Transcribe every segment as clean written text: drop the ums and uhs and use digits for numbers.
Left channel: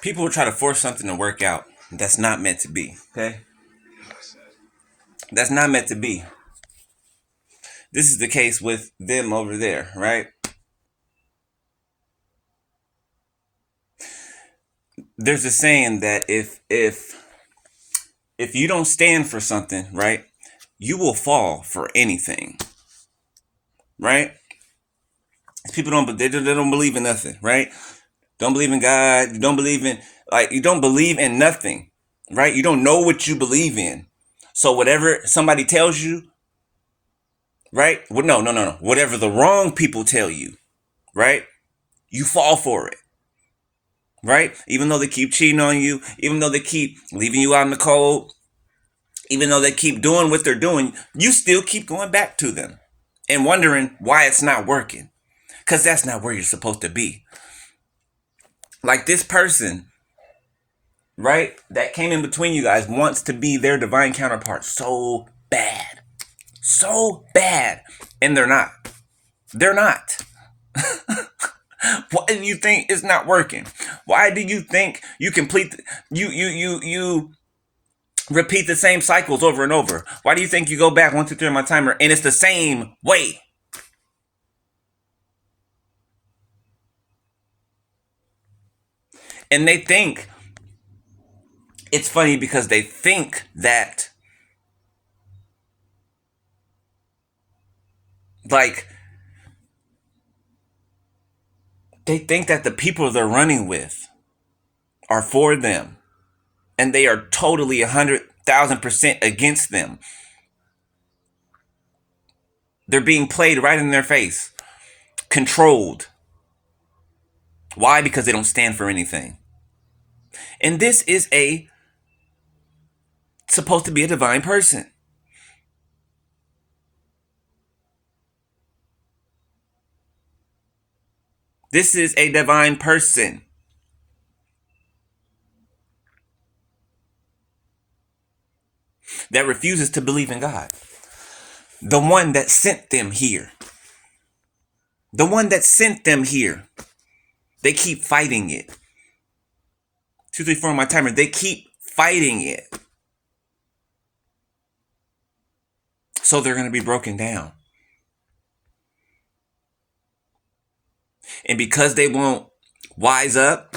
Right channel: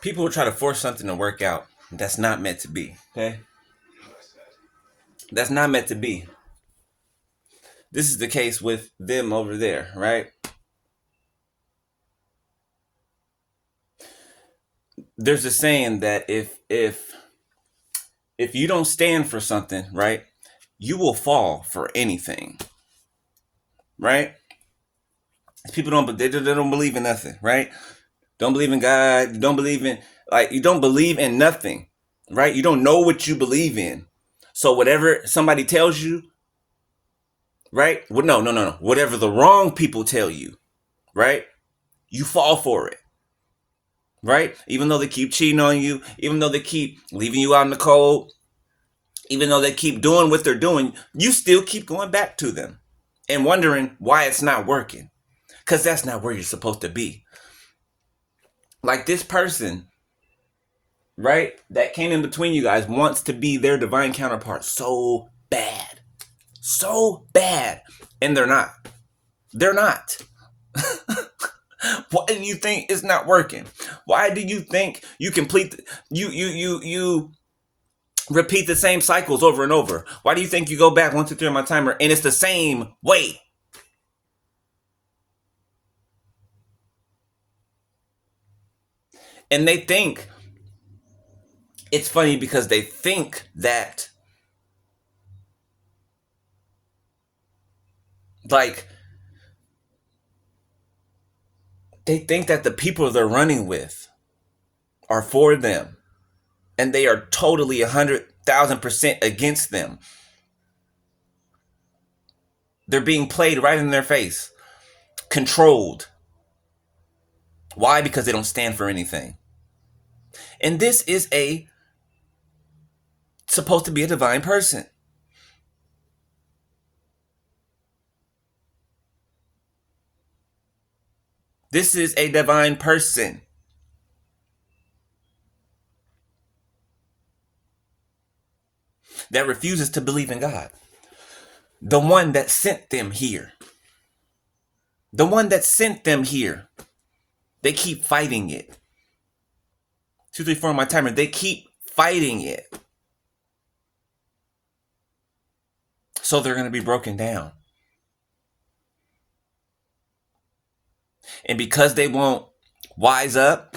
People will try to force something to work out that's not meant to be. Okay? That's not meant to be. This is the case with them over there, right? There's a saying that if you don't stand for something, right, you will fall for anything, right? People don't believe in nothing, right? Don't believe in God. You don't believe in you don't believe in nothing, right? You don't know what you believe in. So whatever somebody tells you, right? Well, no. Whatever the wrong people tell you, right? You fall for it, right? Even though they keep cheating on you, even though they keep leaving you out in the cold, even though they keep doing what they're doing, you still keep going back to them and wondering why it's not working. Because that's not where you're supposed to be. Like this person, right, that came in between you guys wants to be their divine counterpart so bad. So bad. And they're not. They're not. Why do you think it's not working? Why do you think you complete you repeat the same cycles over and over? Why do you think you go back 1, 2, 3 on my timer and it's the same way? And they think it's funny because they think that like they think that the people they're running with are for them and they are totally 100,000% against them. They're being played right in their face, controlled. Why? Because they don't stand for anything. And this is supposed to be a divine person. This is a divine person. That refuses to believe in God. The one that sent them here. The one that sent them here. They keep fighting it. 2, 3, 4 on my timer. They keep fighting it. So they're going to be broken down. And because they won't wise up,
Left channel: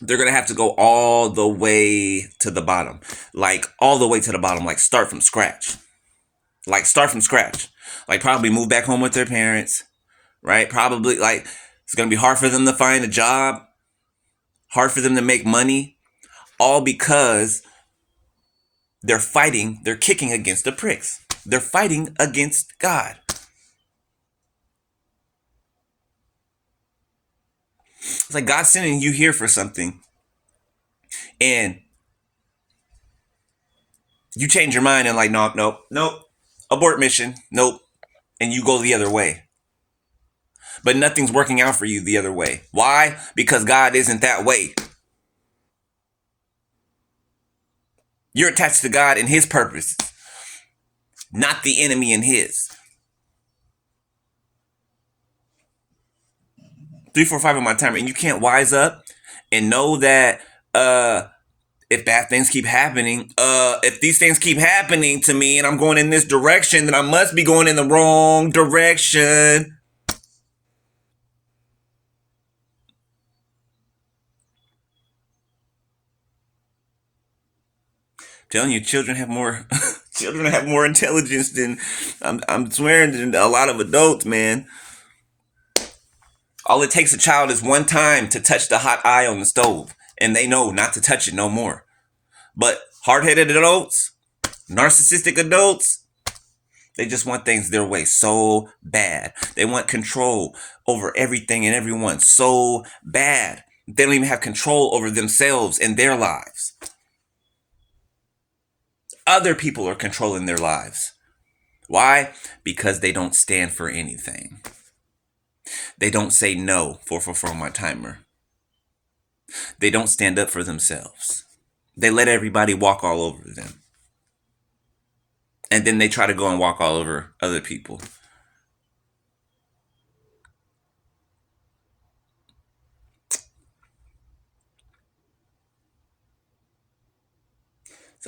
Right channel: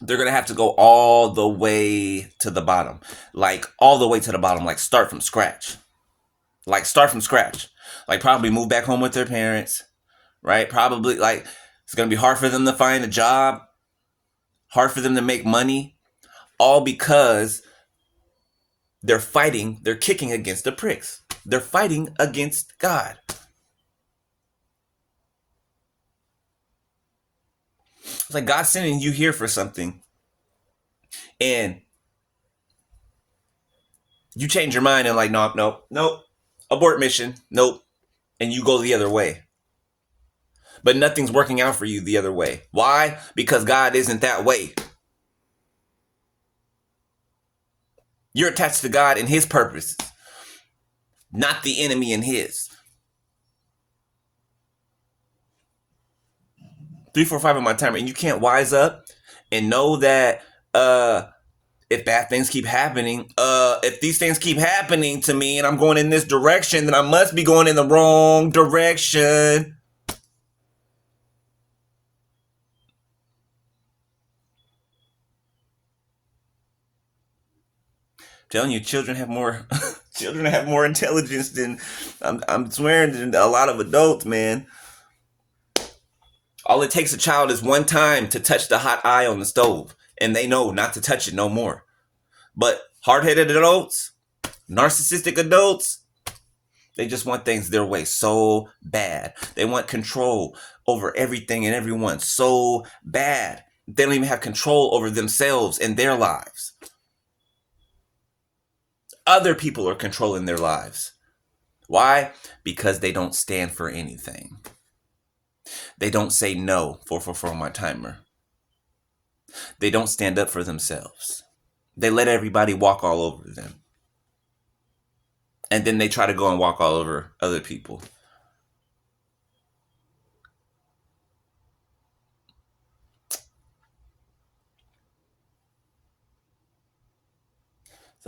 they're going to have to go all the way to the bottom. Like all the way to the bottom. Like start from scratch. Like start from scratch. Like probably move back home with their parents. Right? Probably like it's going to be hard for them to find a job. Hard for them to make money. All because they're fighting, they're kicking against the pricks. They're fighting against God. It's like God sending you here for something and you change your mind and like, nope, abort mission, nope. And you go the other way. But nothing's working out for you the other way. Why? Because God isn't that way. You're attached to God and his purposes, not the enemy and his. 3, 4, 5 on my timer, and you can't wise up and know that if bad things keep happening, if these things keep happening to me and I'm going in this direction, then I must be going in the wrong direction. I'm telling you, children have more intelligence than I'm swearing than a lot of adults, man. All it takes a child is one time to touch the hot eye on the stove, and they know not to touch it no more. But hard-headed adults, narcissistic adults, they just want things their way so bad. They want control over everything and everyone so bad. They don't even have control over themselves and their lives. Other people are controlling their lives. Why? Because they don't stand for anything. They don't say no, 444 on my timer. They don't stand up for themselves. They let everybody walk all over them. And then they try to go and walk all over other people.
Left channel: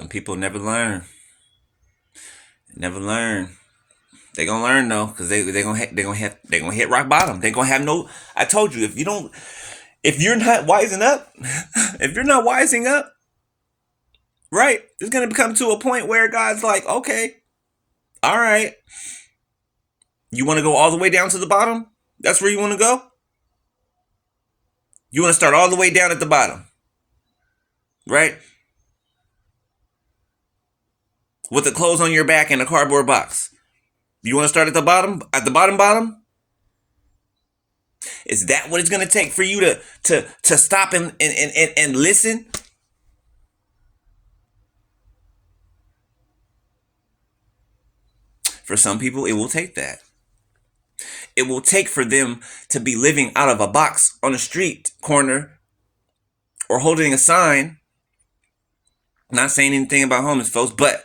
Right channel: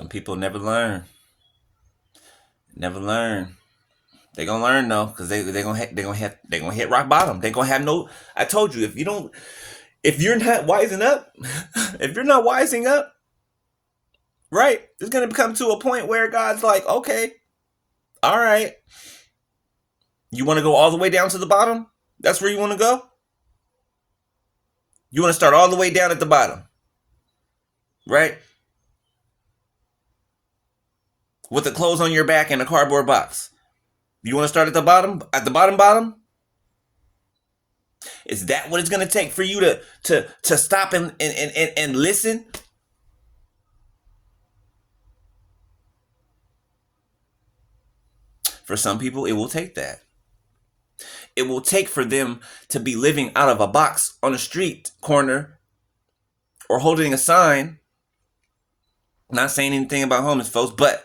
Some people never learn. Never learn. They gonna learn though, cause they gonna hit rock bottom. They gonna have no. I told you, if you're not wising up, if you're not wising up, right, it's gonna come to a point where God's like, okay, all right, you want to go all the way down to the bottom? That's where you want to go. You want to start all the way down at the bottom, right? With the clothes on your back and a cardboard box. You want to start at the bottom? At the bottom? Is that what it's going to take for you to stop and listen? For some people, it will take that. It will take for them to be living out of a box on a street corner or holding a sign. Not saying anything about homeless folks, but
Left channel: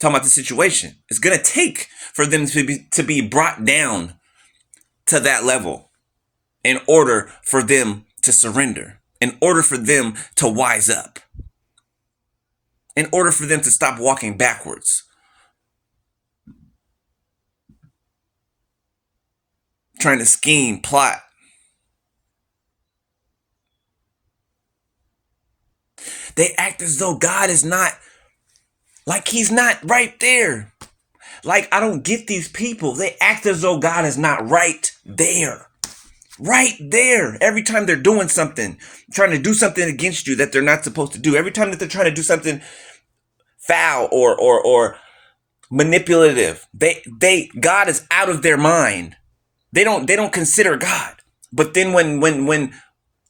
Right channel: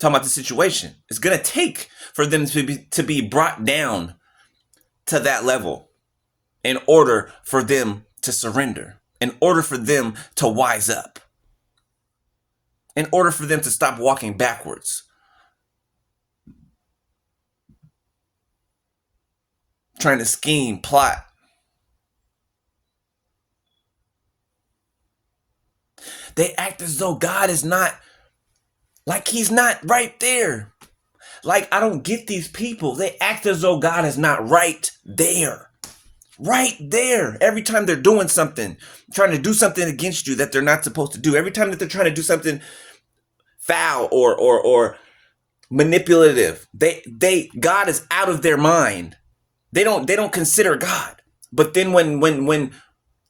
talking about the situation. It's going to take for them to be brought down to that level in order for them to surrender, in order for them to wise up, in order for them to stop walking backwards, trying to scheme, plot. They act as though God is not, like he's not right there. Like, I don't get these people. They act as though God is not right there. Right there. Every time they're doing something, trying to do something against you that they're not supposed to do. Every time that they're trying to do something foul or manipulative, God is out of their mind. They don't consider God. But then when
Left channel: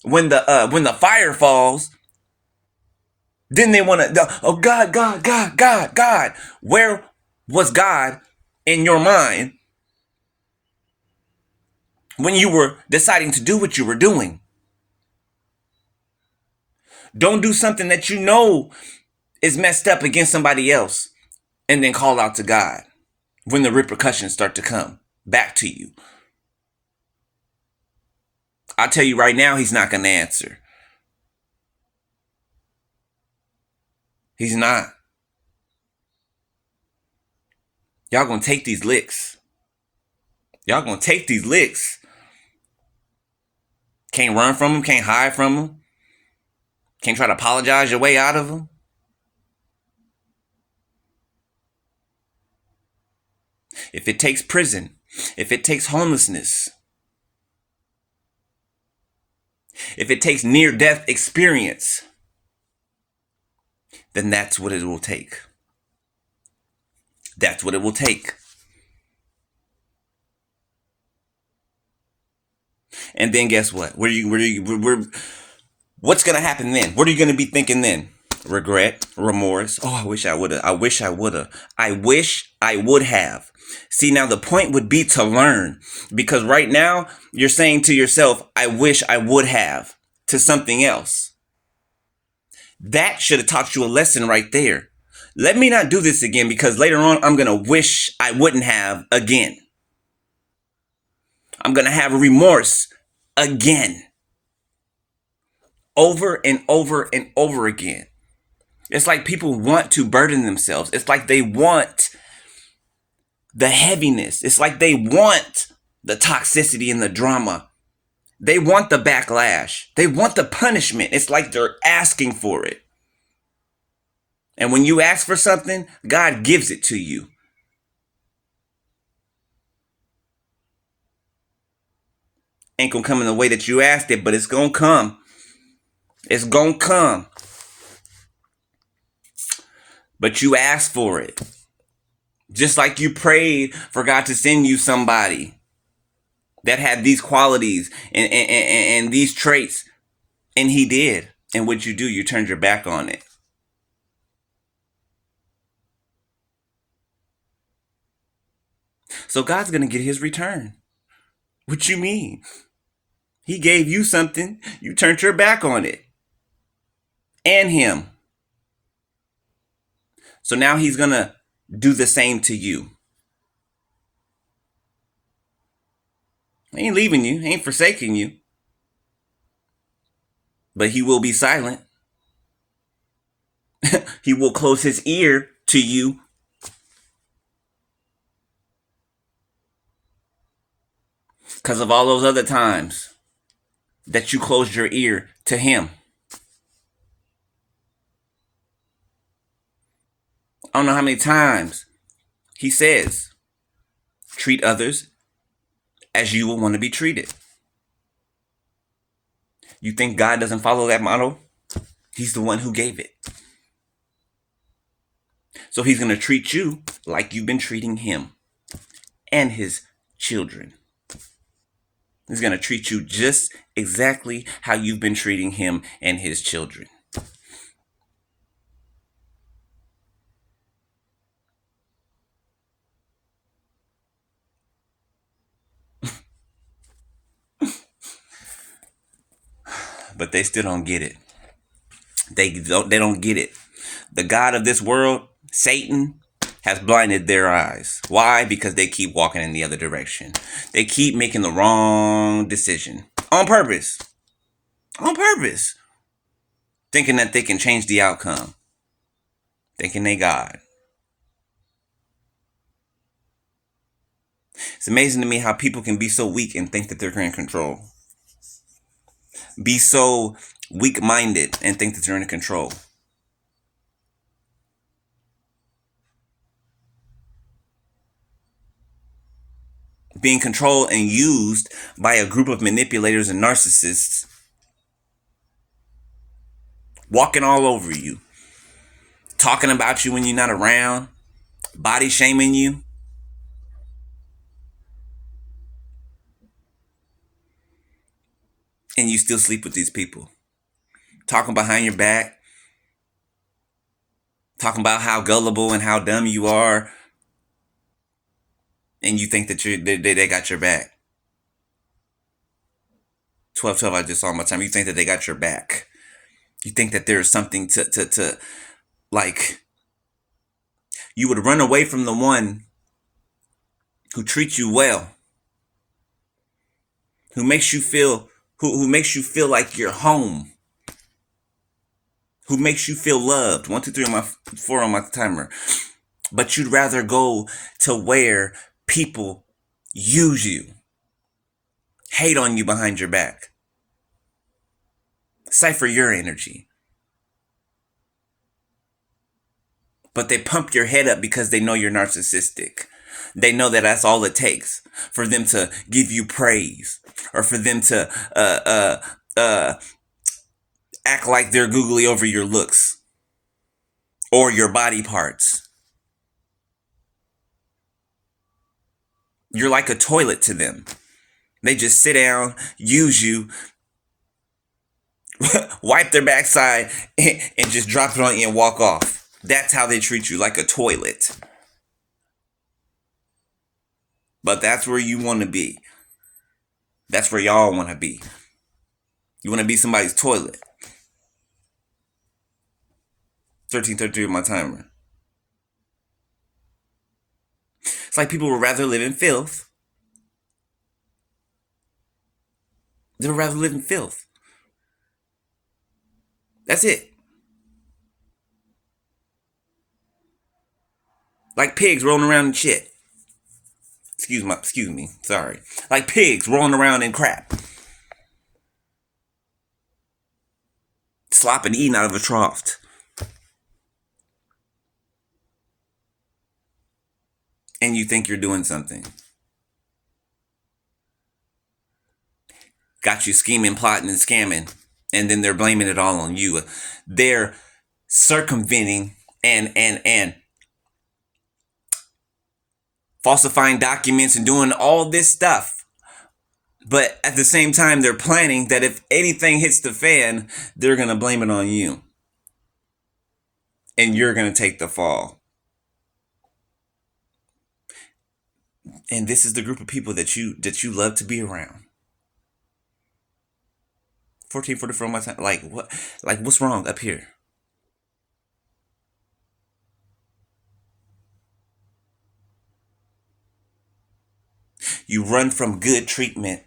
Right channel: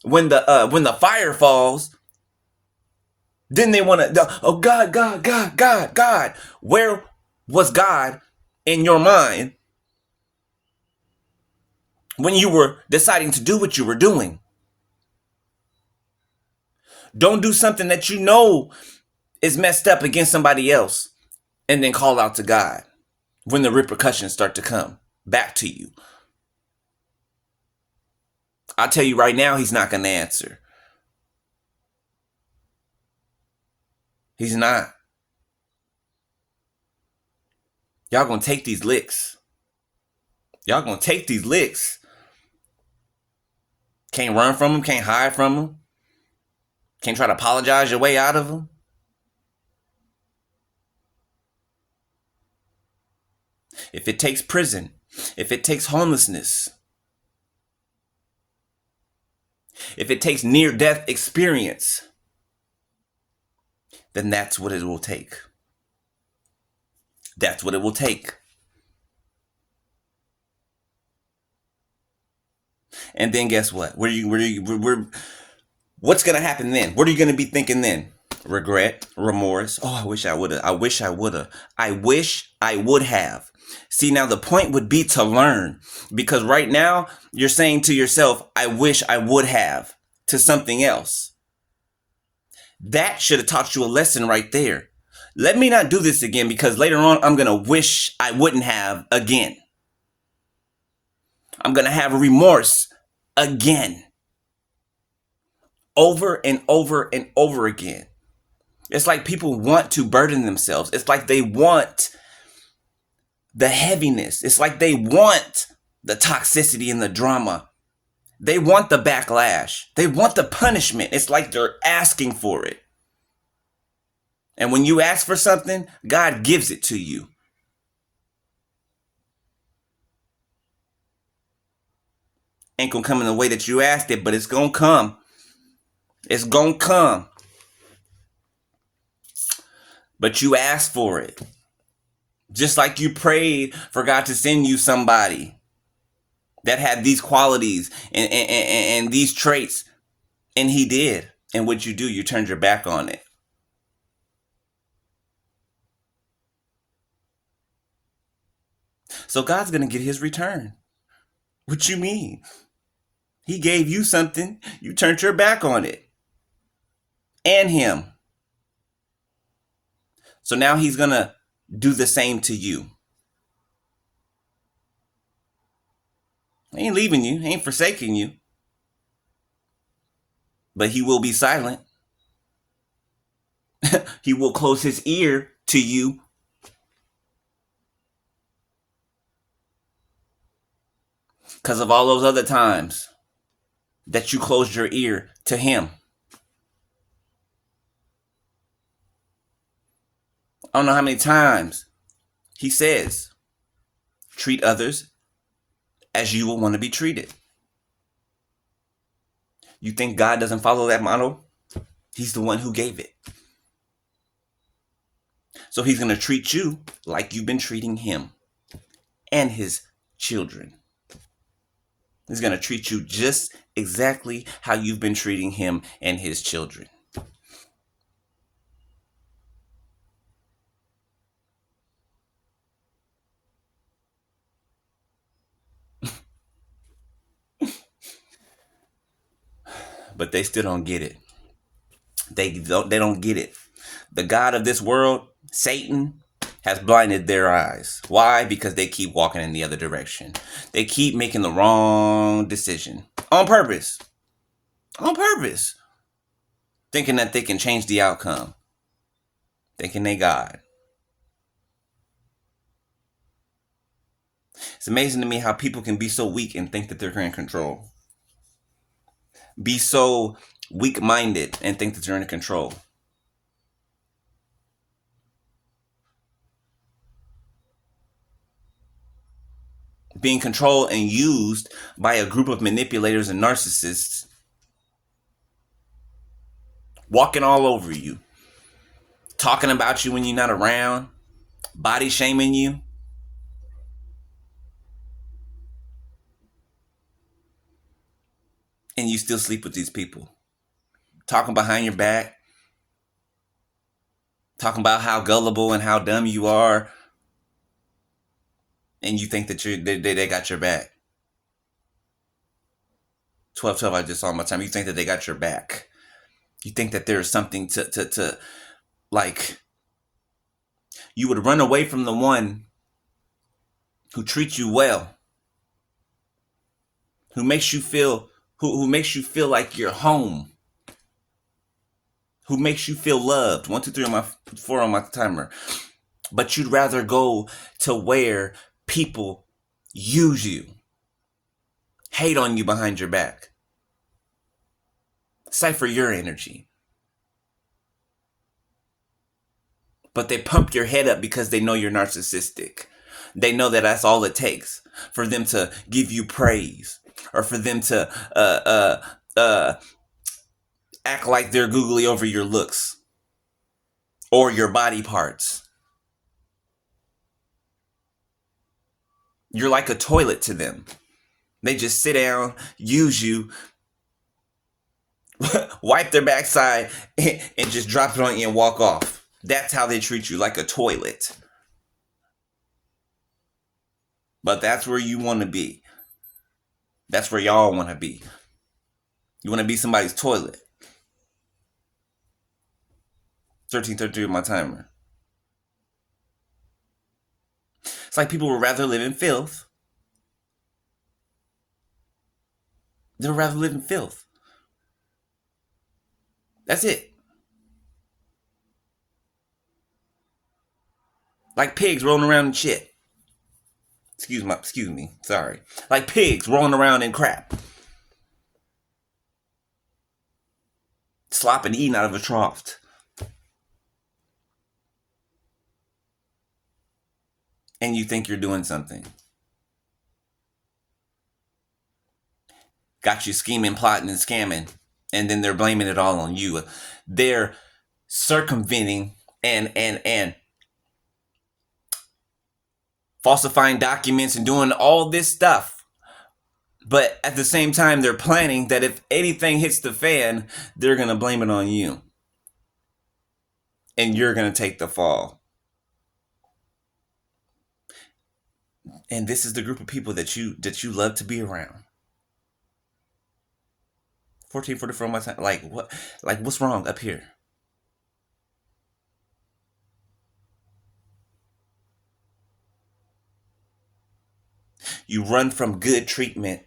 the fire falls, then they want to, oh God. Where was God in your mind when you were deciding to do what you were doing? Don't do something that you know is messed up against somebody else and then call out to God when the repercussions start to come back to you. I'll tell you right now, he's not going to answer. He's not. Y'all gonna take these licks. Y'all gonna take these licks. Can't run from them, can't hide from them. Can't try to apologize your way out of them. If it takes prison, if it takes homelessness, if it takes near-death experience, then that's what it will take. That's what it will take. And then guess what? What's gonna happen then? What are you gonna be thinking then? Regret, remorse. Oh, I wish I would have. See, now the point would be to learn, because right now you're saying to yourself, I wish I would have, to something else. That should have taught you a lesson right there. Let me not do this again, because later on I'm going to wish I wouldn't have again. I'm going to have remorse again. Over and over and over again. It's like people want to burden themselves. It's like they want the heaviness. It's like they want the toxicity and the drama. They want the backlash. They want the punishment. It's like they're asking for it. And when you ask for something, God gives it to you. Ain't gonna come in the way that you asked it, but it's gonna come. It's gonna come. But you asked for it. Just like you prayed for God to send you somebody that had these qualities and these traits. And he did. And what you do, you turned your back on it. So God's going to get his return. What you mean? He gave you something. You turned your back on it. And him. So now he's going to do the same to you. He ain't leaving you. He ain't forsaking you. But he will be silent. He will close his ear to you because of all those other times that you closed your ear to him. I don't know how many times he says, treat others as you will want to be treated. You think God doesn't follow that model? He's the one who gave it. So he's going to treat you like you've been treating him and his children. He's going to treat you just exactly how you've been treating him and his children. But they still don't get it. They don't get it. The God of this world, Satan, has blinded their eyes. Why? Because they keep walking in the other direction. They keep making the wrong decision on purpose. On purpose. Thinking that they can change the outcome. Thinking they God. It's amazing to me how people can be so weak and think that they're in control. Be so weak-minded and think that they're in control. Being controlled and used by a group of manipulators and narcissists, walking all over you, talking about you when you're not around, body shaming you. And you still sleep with these people. Talking behind your back. Talking about how gullible and how dumb you are. And you think that they got your back. 12-12, I just saw my time. You think that they got your back. You think that there's something to like, you would run away from the one who treats you well. Who makes you feel like you're home. Who makes you feel loved. 1, 2, 3 on my 4 on my timer. But you'd rather go to where people use you, hate on you behind your back, cipher your energy. But they pump your head up because they know you're narcissistic. They know that that's all it takes for them to give you praise, or for them to act like they're googly over your looks or your body parts. You're like a toilet to them. They just sit down, use you, wipe their backside, and just drop it on you and walk off. That's how they treat you, like a toilet. But that's where you want to be. That's where y'all want to be. You want to be somebody's toilet. 13:33 with my timer. It's like people would rather live in filth. They would rather live in filth. That's it. Like pigs rolling around in shit. Excuse me, sorry. Like pigs rolling around in crap. Slopping, eating out of a trough. And you think you're doing something. Got you scheming, plotting, and scamming. And then they're blaming it all on you. They're circumventing and falsifying documents and doing all this stuff. But at the same time, they're planning that if anything hits the fan, they're going to blame it on you. And you're going to take the fall. And this is the group of people that you love to be around. 14:44 on my time. Like what? Like what's wrong up here? You run from good treatment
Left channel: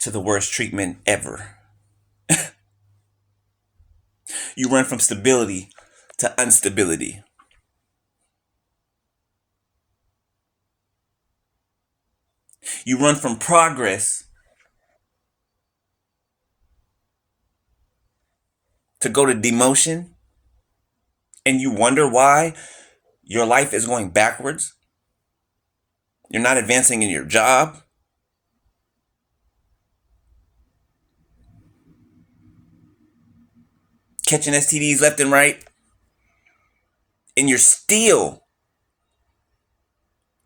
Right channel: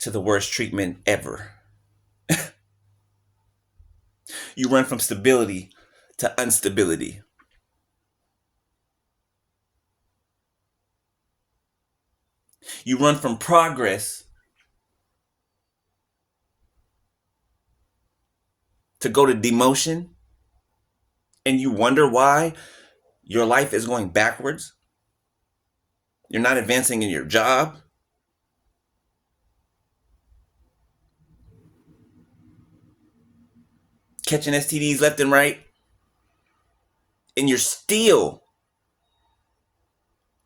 to the worst treatment ever. You run from stability to instability. You run from progress to go to demotion, and you wonder why your life is going backwards. You're not advancing in your job. Catching STDs left and right. And you're still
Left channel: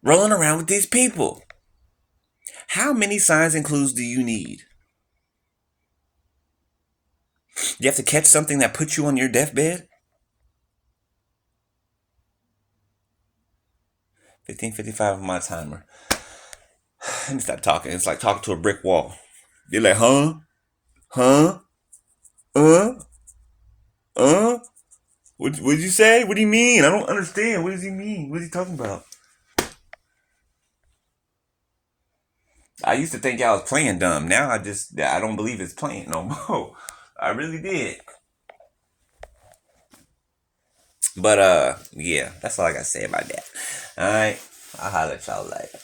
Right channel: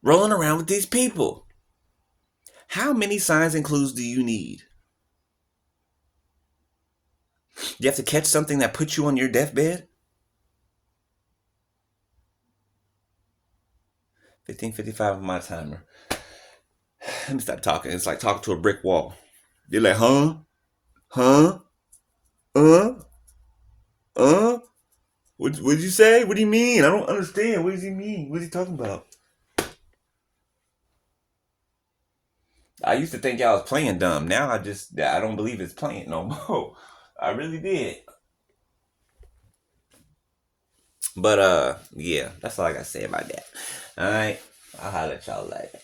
rolling around with these people. How many signs and clues do you need? You have to catch something that puts you on your deathbed? 15:55 on my timer. Let me stop talking. It's like talking to a brick wall. You're like, huh? Huh? Uh? What did you say? What do you mean? I don't understand. What does he mean? What is he talking about? I used to think y'all was playing dumb. Now I don't believe it's playing no more. I really did. But yeah, that's all I gotta say about that. Alright. I'll holler at y'all later.